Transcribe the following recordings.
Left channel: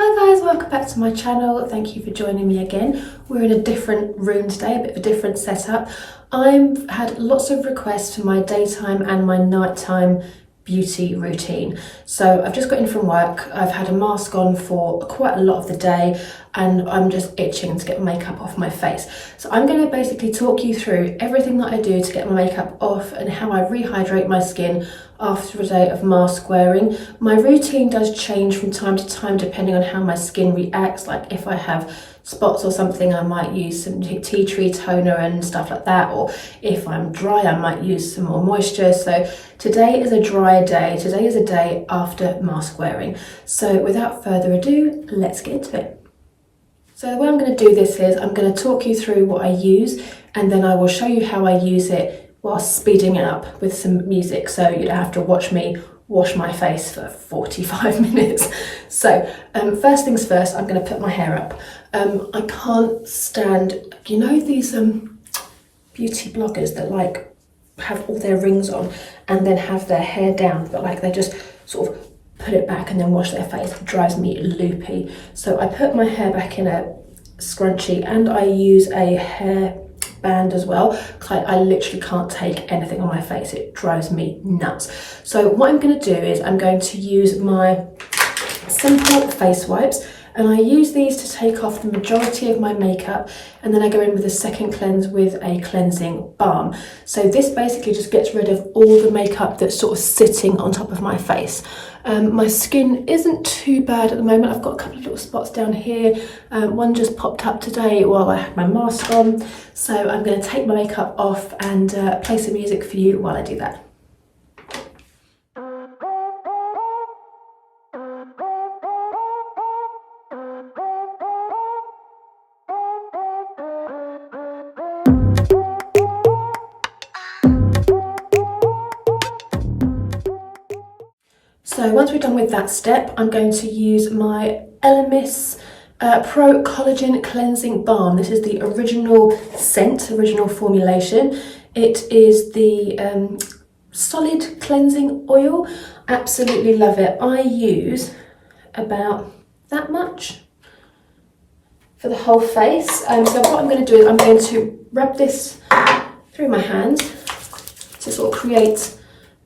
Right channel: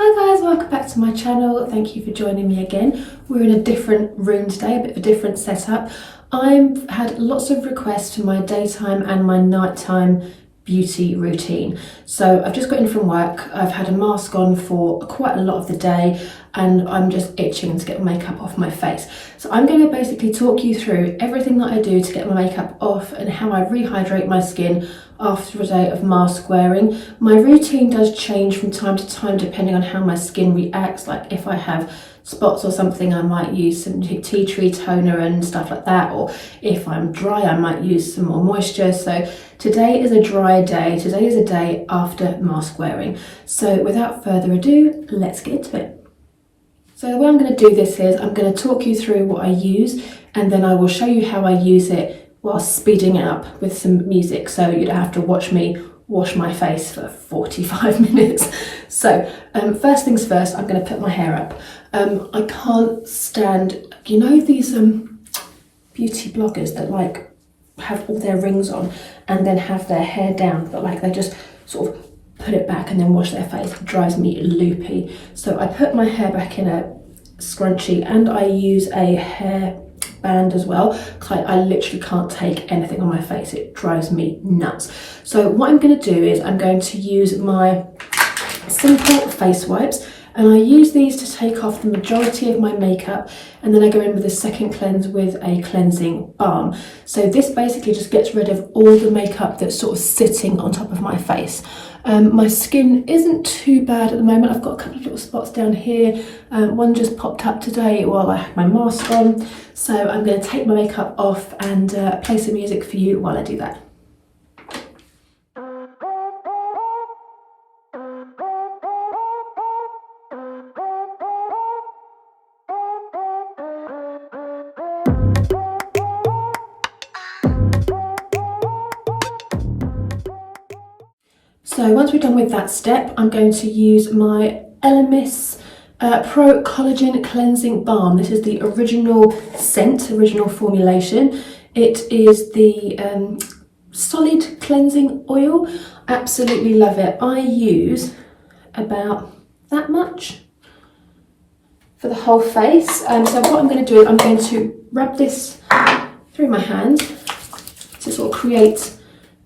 Hi guys, welcome back to my channel. Thank you for joining me again. We're in a different room today, a bit of a different setup. I've had lots of requests for my daytime and my nighttime beauty routine. So I've just got in from work. I've had a mask on for quite a lot of the day and I'm just itching to get makeup off my face. So I'm going to basically talk you through everything that I do to get my makeup off and how I rehydrate my skin after a day of mask wearing. My routine does change from time to time depending on how my skin reacts. Like if I have spots or something, I might use some tea tree toner and stuff like that, or if I'm dry I might use some more moisture. So today is a dry day. Today is a day after mask wearing. So without further ado, let's get into it. So the way I'm going to do this is I'm going to talk you through what I use and then I will show you how I use it while speeding it up with some music, so you don't have to watch me wash my face for 45 minutes. So first things first, I'm going to put my hair up. I can't stand, you know, these beauty bloggers that like have all their rings on and then have their hair down, but like they just sort of put it back and then wash their face. It drives me loopy. So I put my hair back in a scrunchie and I use a hair band as well, because I literally can't take anything on my face. It drives me nuts. So what I'm going to do is I'm going to use my simple face wipes, and I use these to take off the majority of my makeup, and then I go in with a second cleanse with a cleansing balm. So this basically just gets rid of all the makeup that's sort of sitting on top of my face. My skin isn't too bad at the moment. I've got a couple of little spots down here. One just popped up today while I had my mask on. So I'm going to take my makeup off and play some music for you while I do that. So once we're done with that step, I'm going to use my Elemis Pro Collagen Cleansing Balm. This is the original scent, original formulation. It is the solid cleansing oil. Absolutely love it. I use about that much for the whole face. So what I'm going to do is I'm going to rub this through my hand to sort of create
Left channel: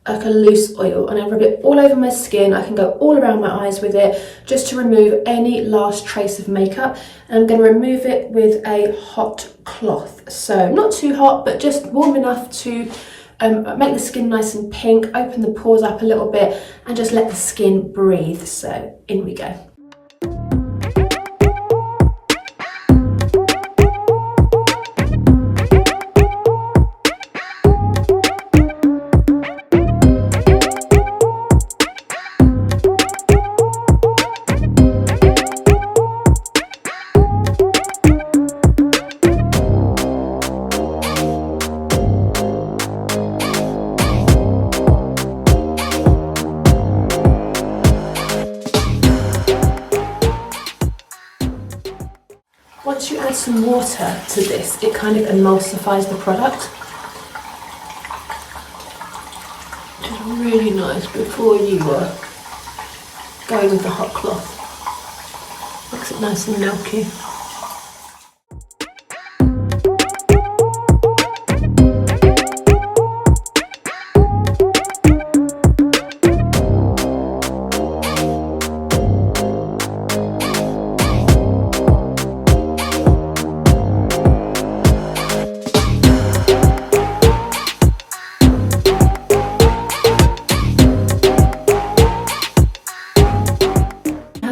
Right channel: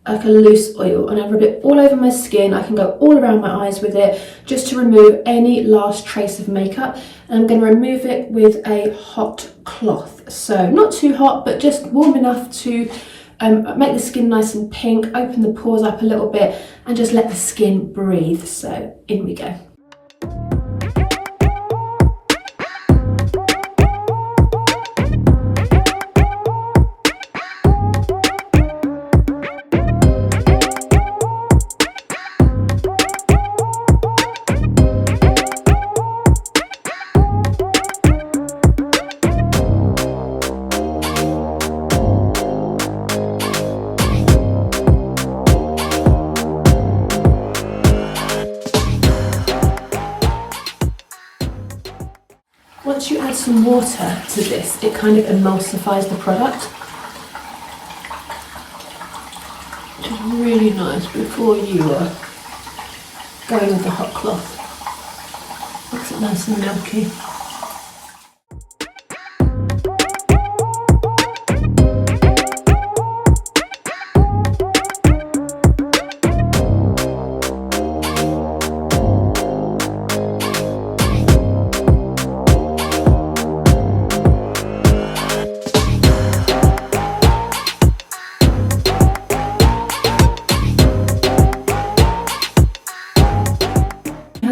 like a loose oil, and I rub it all over my skin. I can go all around my eyes with it just to remove any last trace of makeup, and I'm going to remove it with a hot cloth. So not too hot, but just warm enough to make the skin nice and pink, open the pores up a little bit and just let the skin breathe. So in we go. Once you add some water to this, it kind of emulsifies the product, which is really nice before you go with the hot cloth. Makes it nice and milky.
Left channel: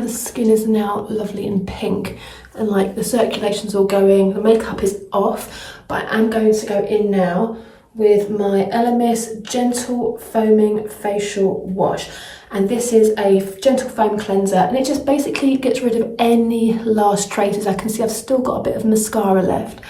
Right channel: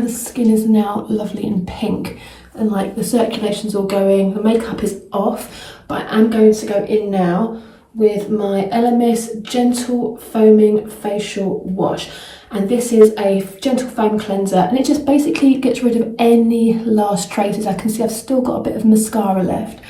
Skin is now lovely and pink and like the circulation's all going, the makeup is off, but I'm going to go in now with my Elemis Gentle Foaming Facial Wash, and this is a gentle foam cleanser and it just basically gets rid of any last traces. I can see I've still got a bit of mascara left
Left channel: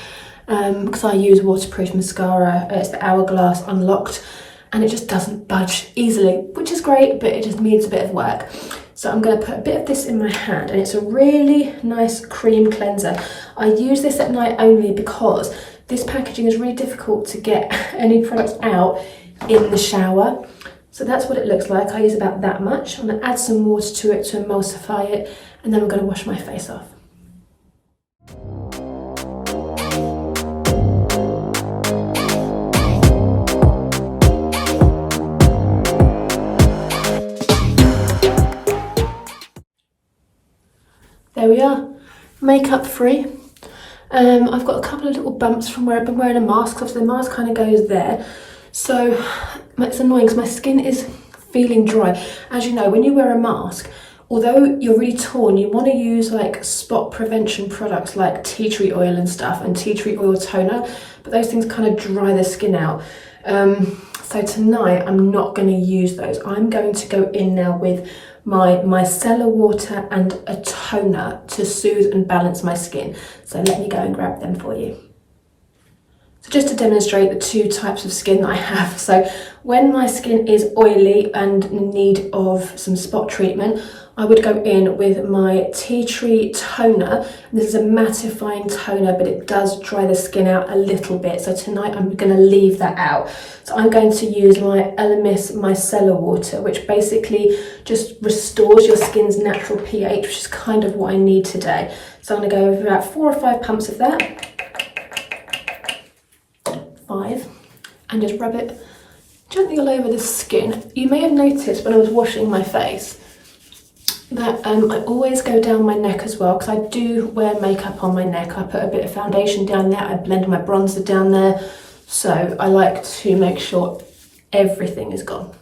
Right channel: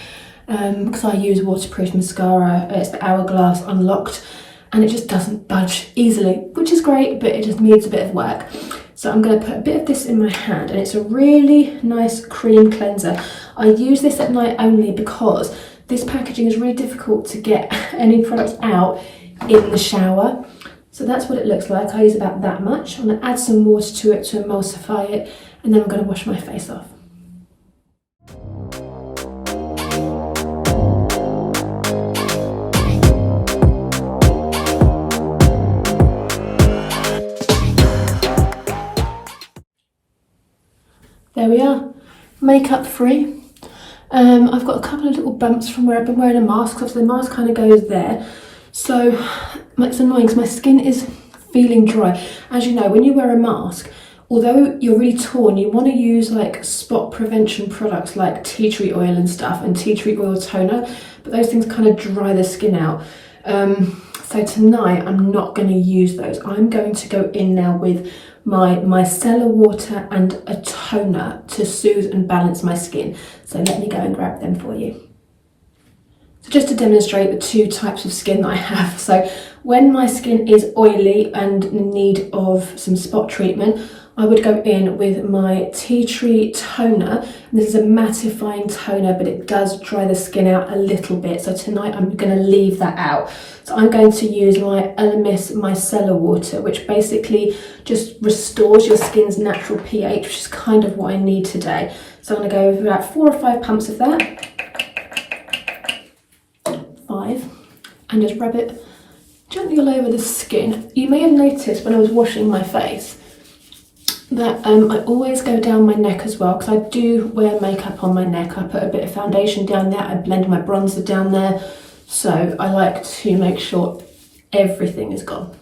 because I use waterproof mascara. It's the Hourglass Unlocked and it just doesn't budge easily, which is great, but it just needs a bit of work. So I'm going to put a bit of this in my hand, and it's a really nice cream cleanser. I use this at night only because this packaging is really difficult to get any products out in the shower. So that's what it looks like. I use about that much. I'm going to add some water to it to emulsify it, and then I'm going to wash my face off. There we are, makeup free. I've got a couple of little bumps from where I've been wearing a mask, so the mask kind of goes there. So it's annoying because my skin is feeling dry. As you know, when you wear a mask, although you're really torn, you want to use like spot prevention products like tea tree oil and stuff, and tea tree oil toner, but those things kind of dry the skin out. So tonight I'm not going to use those. I'm going to go in now with my micellar water and a toner to soothe and balance my skin. So let me go and grab them for you. So just to demonstrate the two types of skin that I have. So when my skin is oily and in need of some spot treatment, I would go in with my tea tree toner. This is a mattifying toner, but it does dry the skin out a little bit. So tonight I'm going to leave that out. So I'm going to use my Elemis micellar water, which basically just restores your skin's natural pH, which is kind of what I need today. So I'm going to go with about 4 or 5 pumps of that. 5, and just rub it gently all over the skin. You may have noticed when I was washing my face that I always go down my neck as well, because I do wear makeup on my neck. I put a bit of foundation down there, I blend my bronzer down there, so I like to make sure everything is gone.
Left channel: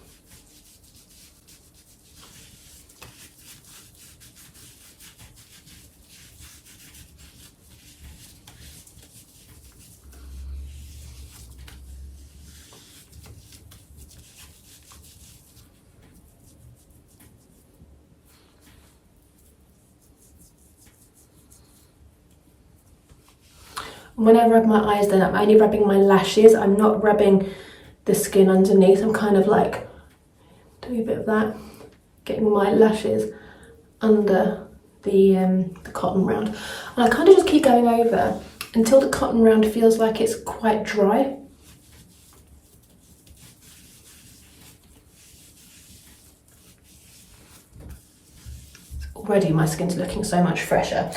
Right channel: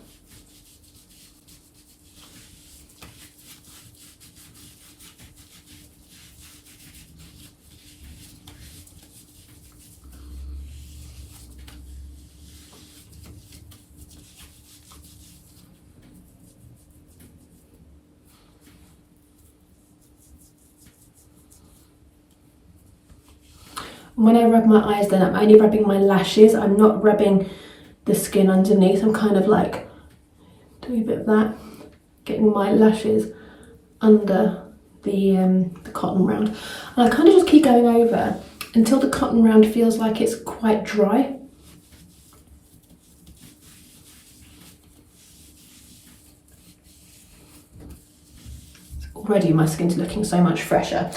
When I rub my eyes, then I'm only rubbing my lashes. I'm not rubbing the skin underneath. I'm kind of like doing a bit of that, getting my lashes under the cotton round. And I kind of just keep going over until the cotton round feels like it's quite dry. Already my skin's looking so much fresher.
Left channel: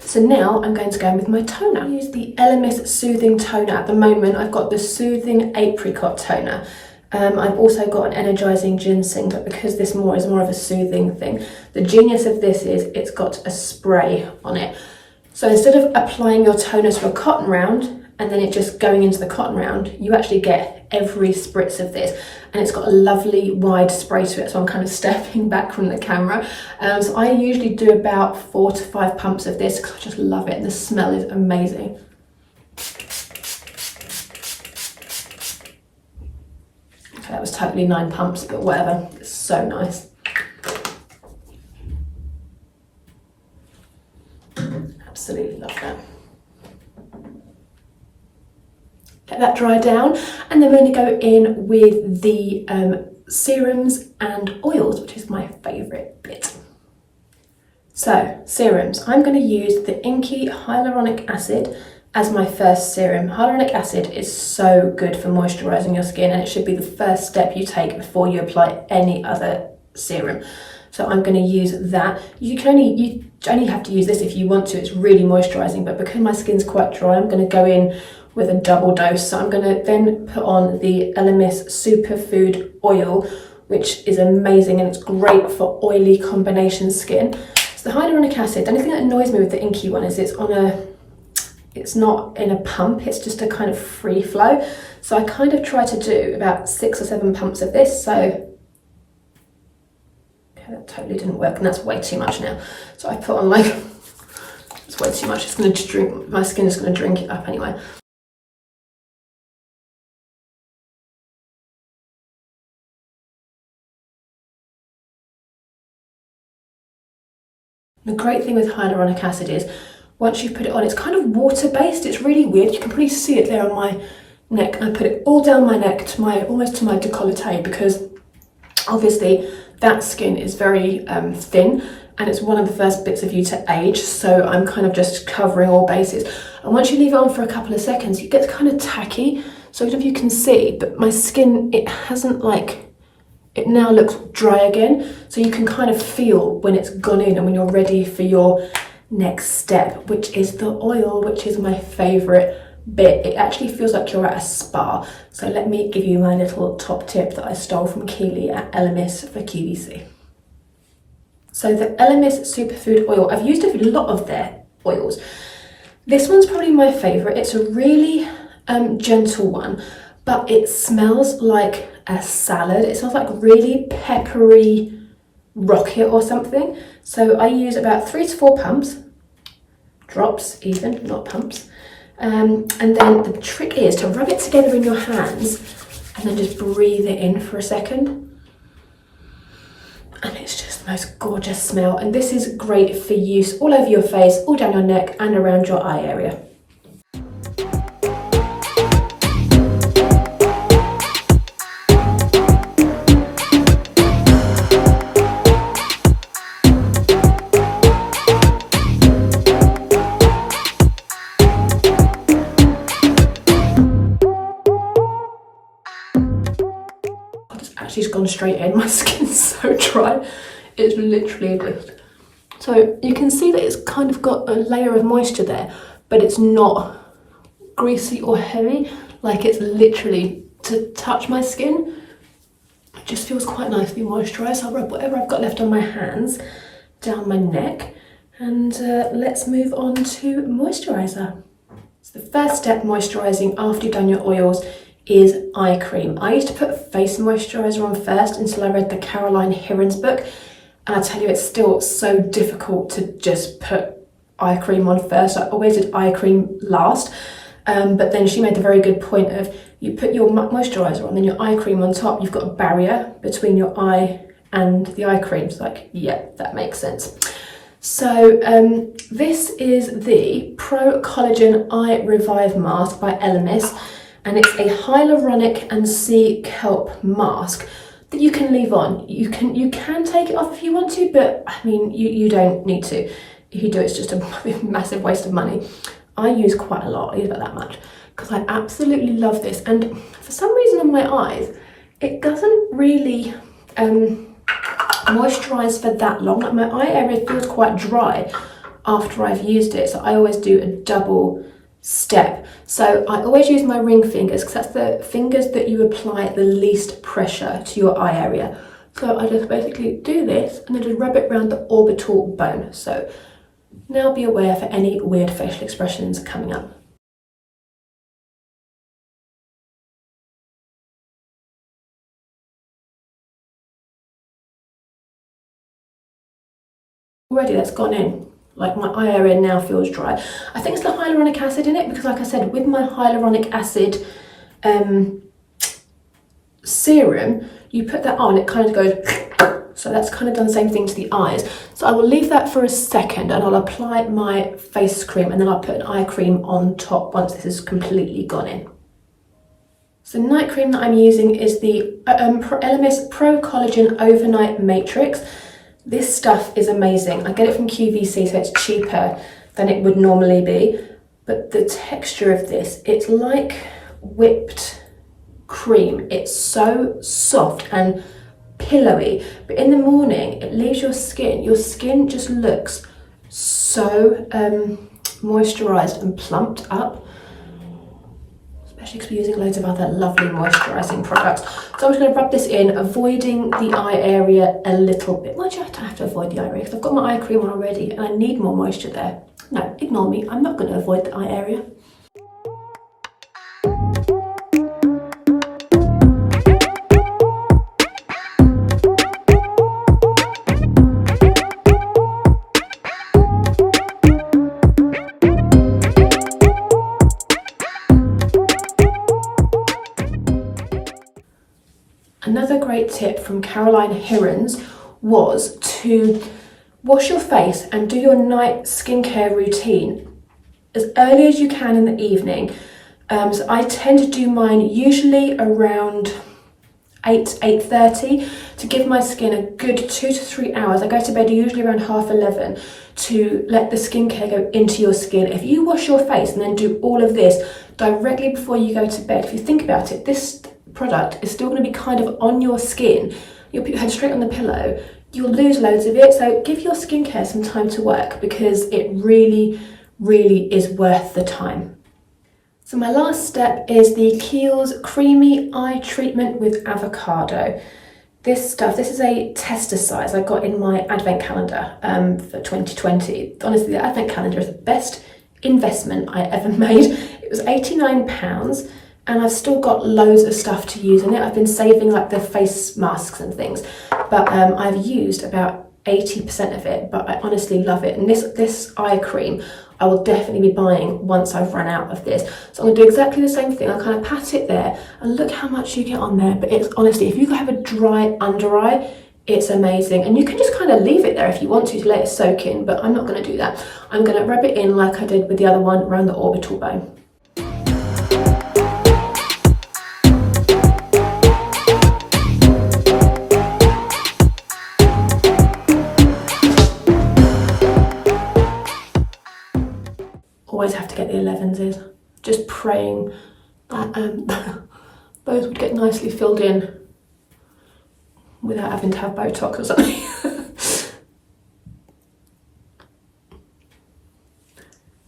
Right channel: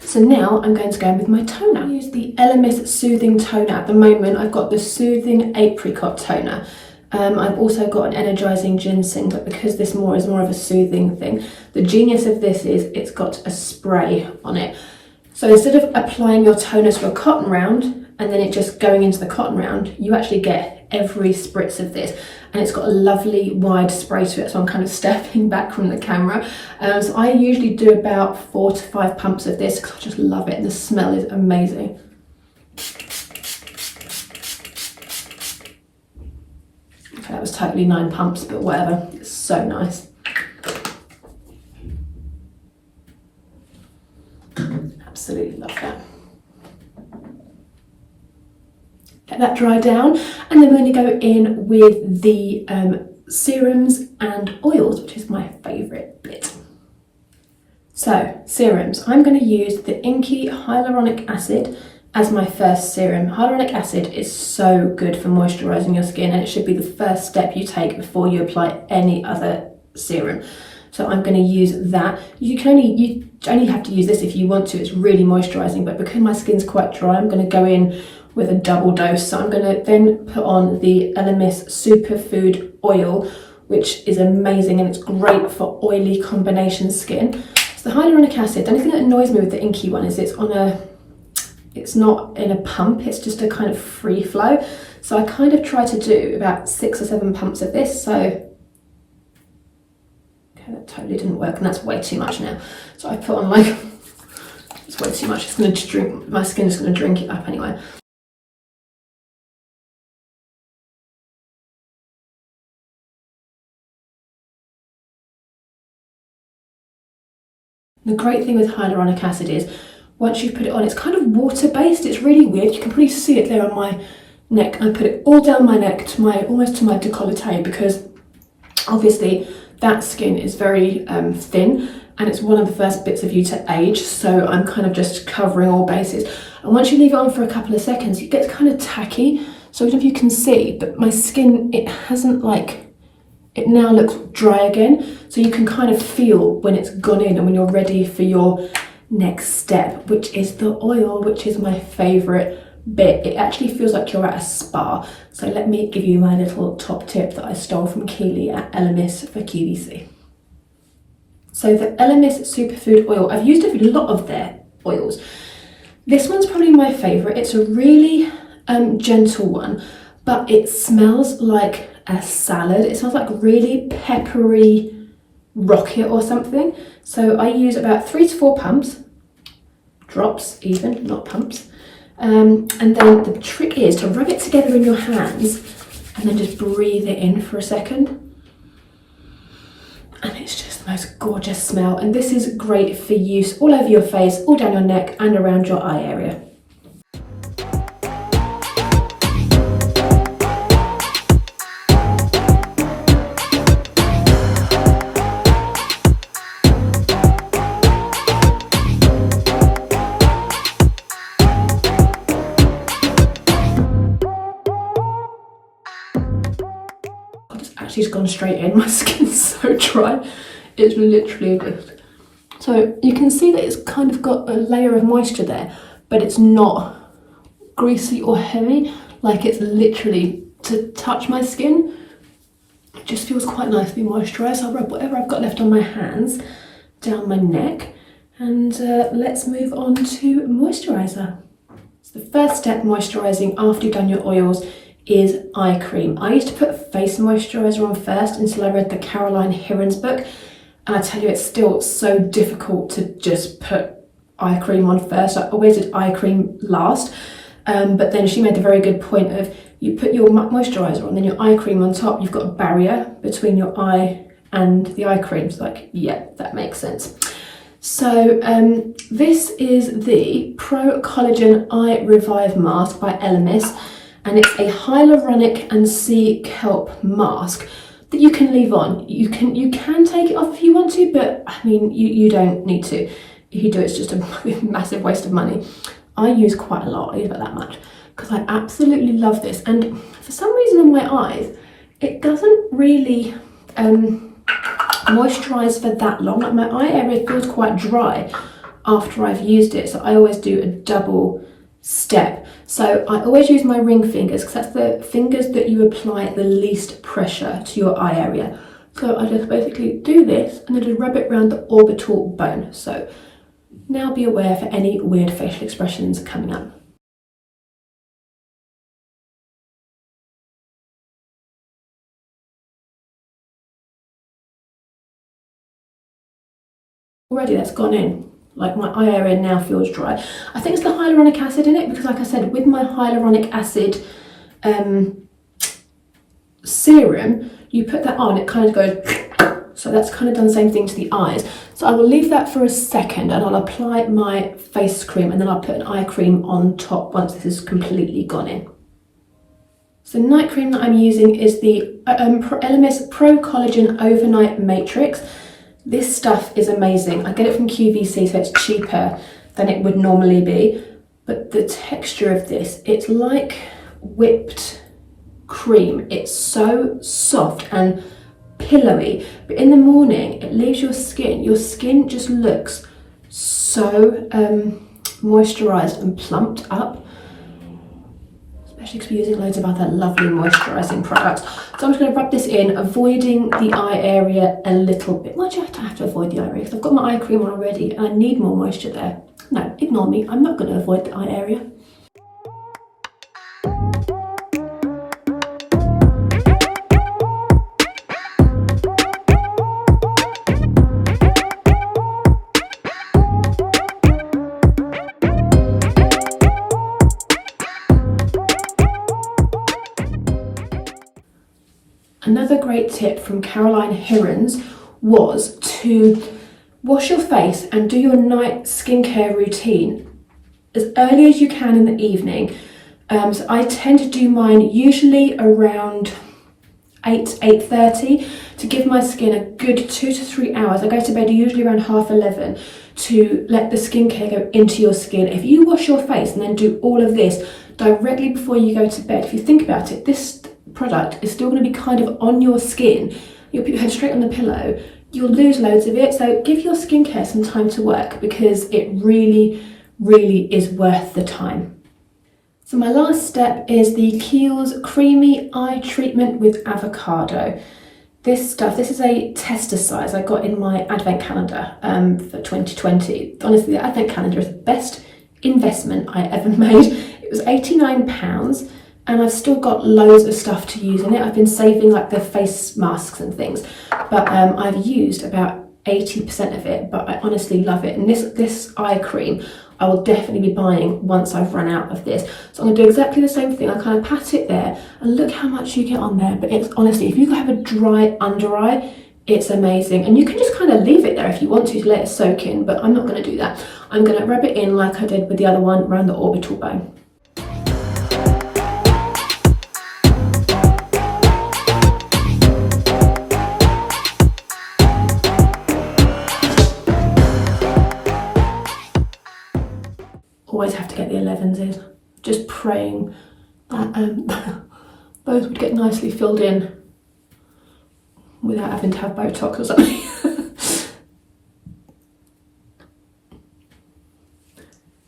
So now I'm going to go in with my toner. I use the Elemis Soothing Toner. At the moment, I've got the Soothing Apricot Toner. I've also got an Energizing Ginseng, but because this is more of a soothing thing, the genius of this is it's got a spray on it. So instead of applying your toner to a cotton round and then it just going into the cotton round, you actually get every spritz of this, and it's got a lovely wide spray to it, so I'm kind of stepping back from the camera. So I usually do about 4 to 5 pumps of this because I just love it, and the smell is amazing. Okay, that was totally 9 pumps, but whatever, it's so nice. Absolutely love that. Let that dry down, and then we're going to go in with the serums and oils, which is my favourite bit. So, serums. I'm going to use the Inkey Hyaluronic Acid as my first serum. Hyaluronic acid is so good for moisturising your skin, and it should be the first step you take before you apply any other serum. So I'm going to use that. You only have to use this if you want to. It's really moisturising, but because my skin's quite dry, I'm going to go in with a double dose. So I'm going to then put on the Elemis Superfood Oil, which is amazing, and it's great for oily combination skin. So the hyaluronic acid, the only thing that annoys me with the Inkey one is it's not in a pump, it's just a kind of free flow. So I kind of try to do about 6 or 7 pumps of this. So okay, that totally didn't work, and that's way too much now. So I put on like, it's way too much. It's going to drink, my skin is going to drink it up anyway. The great thing with hyaluronic acid is once you put it on, it's kind of water-based. It's really weird. You can probably see it there on my neck. I put it all down my neck to almost to my décolleté, because obviously that skin is very thin, and it's one of the first bits of you to age. So I'm kind of just covering all bases. And once you leave it on for a couple of seconds, it gets kind of tacky. So I don't know if you can see, but my skin, it it now looks dry again. So you can kind of feel when it's gone in and when you're ready for your next step, which is the oil, which is my favourite bit. It actually feels like you're at a spa. So let me give you my little top tip that I stole from Kiehl at Elemis for QVC. So the Elemis Superfood Oil, I've used a lot of their oils. This one's probably my favourite. It's a really gentle one, but it smells like a salad. It smells like really peppery rocket or something. So I use about 3 to 4 pumps, drops even, not pumps. And then the trick is to rub it together in your hands and then just breathe it in for a second. And it's just the most gorgeous smell. And this is great for use all over your face, all down your neck and around your eye area. She's gone straight in. My skin's so dry. It's literally just... So you can see that it's kind of got a layer of moisture there, but it's not greasy or heavy. Like, it's literally, to touch my skin, it just feels quite nicely moisturised. I'll rub whatever I've got left on my hands down my neck. And let's move on to moisturiser. So the first step, moisturising after you've done your oils, is eye cream. I used to put face moisturiser on first until I read the Caroline Hirons book, and I tell you, it's still so difficult to just put eye cream on first. I always did eye cream last, but then she made the very good point of, you put your moisturiser on, then your eye cream on top, you've got a barrier between your eye and the eye cream. So like, yeah, that makes sense. So this is the Pro Collagen Eye Revive Mask by Elemis. And it's a hyaluronic and sea kelp mask that you can leave on. You can take it off if you want to, but I mean, you don't need to. If you do, it's just a massive waste of money. I use quite a lot. I use about that much because I absolutely love this. And for some reason on my eyes, it doesn't really moisturize for that long. Like, my eye area feels quite dry after I've used it. So I always do a double step. So I always use my ring fingers because that's the fingers that you apply the least pressure to your eye area. So I just basically do this and then just rub it around the orbital bone. So now be aware for any weird facial expressions coming up. Already that's gone in. Like, my eye area now feels dry. I think it's the hyaluronic acid in it because, like I said, with my hyaluronic acid serum, you put that on, it kind of goes, so that's kind of done the same thing to the eyes. So I will leave that for a second and I'll apply my face cream and then I'll put an eye cream on top once this is completely gone in. So night cream that I'm using is the Elemis Pro Collagen Overnight Matrix. This stuff is amazing. I get it from QVC, so it's cheaper than it would normally be. But the texture of this, it's like whipped cream. It's so soft and pillowy. But in the morning, it leaves your skin just looks so moisturised and plumped up. Especially because we're using loads of other lovely moisturising products. So I'm just going to rub this in, avoiding the eye area a little bit. Why do I have to avoid the eye area? Because I've got my eye cream on already and I need more moisture there. No, ignore me. I'm not going to avoid the eye area. Another great tip from Caroline Hirons was to wash your face and do your night skincare routine as early as you can in the evening. So I tend to do mine usually around 8:30 to give my skin a good 2 to 3 hours. I go to bed usually around 11:30 to let the skincare go into your skin. If you wash your face and then do all of this directly before you go to bed, if you think about it, this product is still going to be kind of on your skin you'll put your head straight on the pillow, you'll lose loads of it. So give your skincare some time to work, because it really, really is worth the time. So my last step is the Kiehl's Creamy Eye Treatment with Avocado. This is a tester size I got in my advent calendar for 2020. Honestly, the advent calendar is the best investment I ever made. It was £89 and I've still got loads of stuff to use in it. I've been saving like the face masks and things, but I've used about 80% of it, but I honestly love it. And this eye cream I will definitely be buying once I've run out of this. So I'm gonna do exactly the same thing. I kind of pat it there and look how much you get on there. But it's honestly, if you have a dry under eye, it's amazing. And you can just kind of leave it there if you want to let it soak in, but I'm not gonna do that. I'm gonna rub it in like I did with the other one around the orbital bone. Always have to get the 11s in. Just praying that those would get nicely filled in without having to have Botox or something.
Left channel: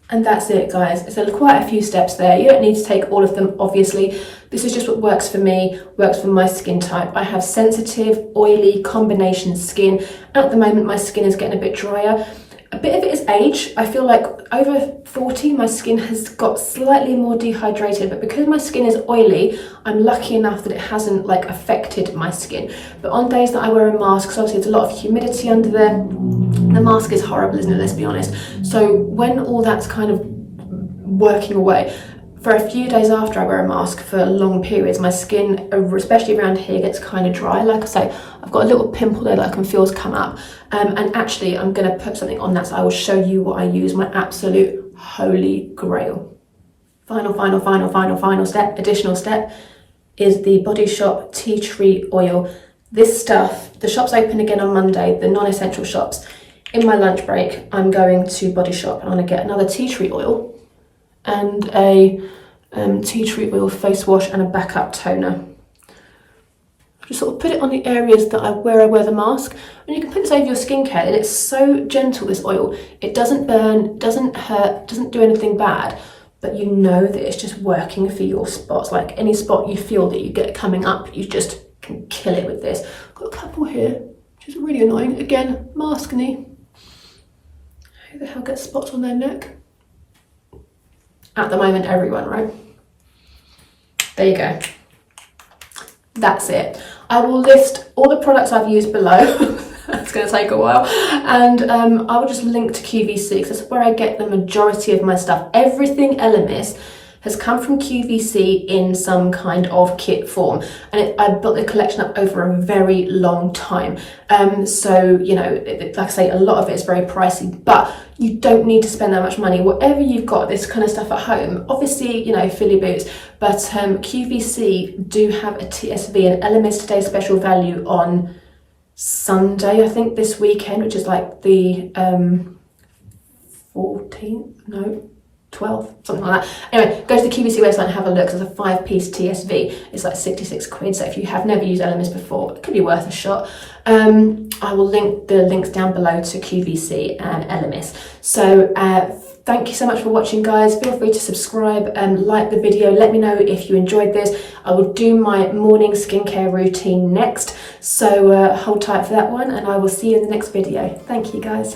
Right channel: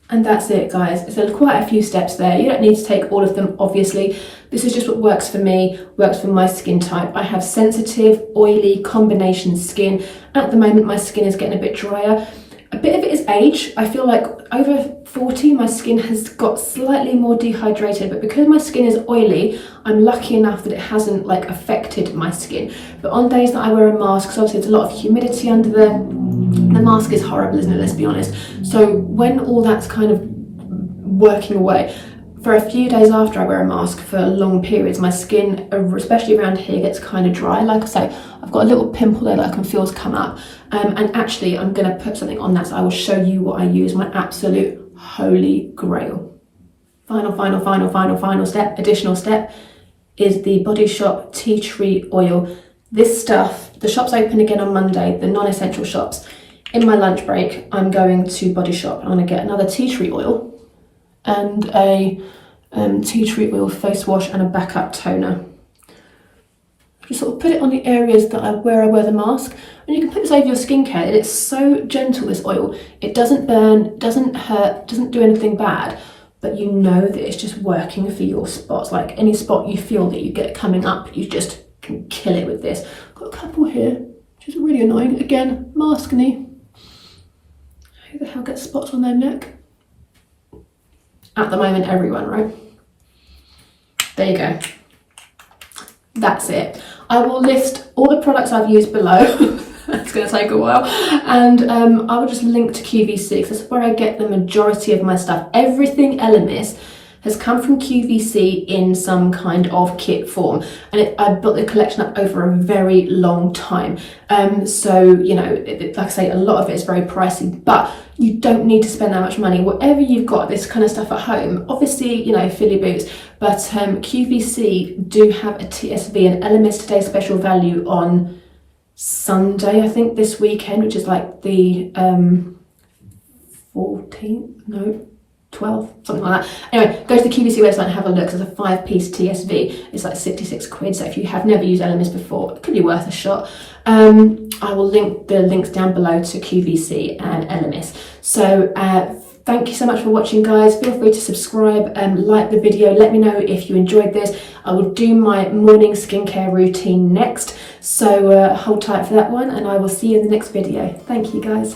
And that's it, guys. It's quite a few steps there. You don't need to take all of them, obviously. This is just what works for me, works for my skin type. I have sensitive, oily, combination skin. At the moment, my skin is getting a bit drier. A bit of it is age. I feel like over 40, my skin has got slightly more dehydrated, but because my skin is oily, I'm lucky enough that it hasn't like affected my skin. But on days that I wear a mask, because obviously there's a lot of humidity under there, the mask is horrible, isn't it? Let's be honest. So when all that's kind of working away, for a few days after I wear a mask for long periods, my skin, especially around here, gets kind of dry. Like I say, I've got a little pimple there that I can feel has come up. And actually, I'm going to put something on that, so I will show you what I use, my absolute holy grail. Final step, additional step, is the Body Shop Tea Tree Oil. This stuff, the shop's open again on Monday, the non-essential shops. In my lunch break, I'm going to Body Shop. I'm going to get another tea tree oil and a tea tree oil face wash and a backup toner. Just sort of put it on the areas that where I wear the mask, and you can put this over your skincare. And it's so gentle, this oil. It doesn't burn, doesn't hurt, doesn't do anything bad, but you know that it's just working for your spots. Like any spot you feel that you get coming up, you just can kill it with this. Got a couple here, which is really annoying. Again, maskne. Who the hell gets spots on their neck? At the moment, everyone, right? There you go. That's it. I will list all the products I've used below. That's going to take a while. And I will just link to QVC, because that's where I get the majority of my stuff. Everything Elemis has come from QVC in some kind of kit form, and I built the collection up over a very long time. So, you know, like I say, a lot of it is very pricey, but you don't need to spend that much money. Whatever you've got, this kind of stuff at home, obviously, you know, fill your boots, but QVC do have a TSV, an Elemis Today special value on Sunday, I think, this weekend, which is like the 14th, no, 12, something like that. Anyway, go to the QVC website and have a look. It's a 5-piece TSV. It's like 66 quid. So if you have never used Elemis before, it could be worth a shot. I will link the links down below to QVC and Elemis. So thank you so much for watching, guys. Feel free to subscribe and like the video. Let me know if you enjoyed this. I will do my morning skincare routine next. So hold tight for that one, and I will see you in the next video. Thank you, guys.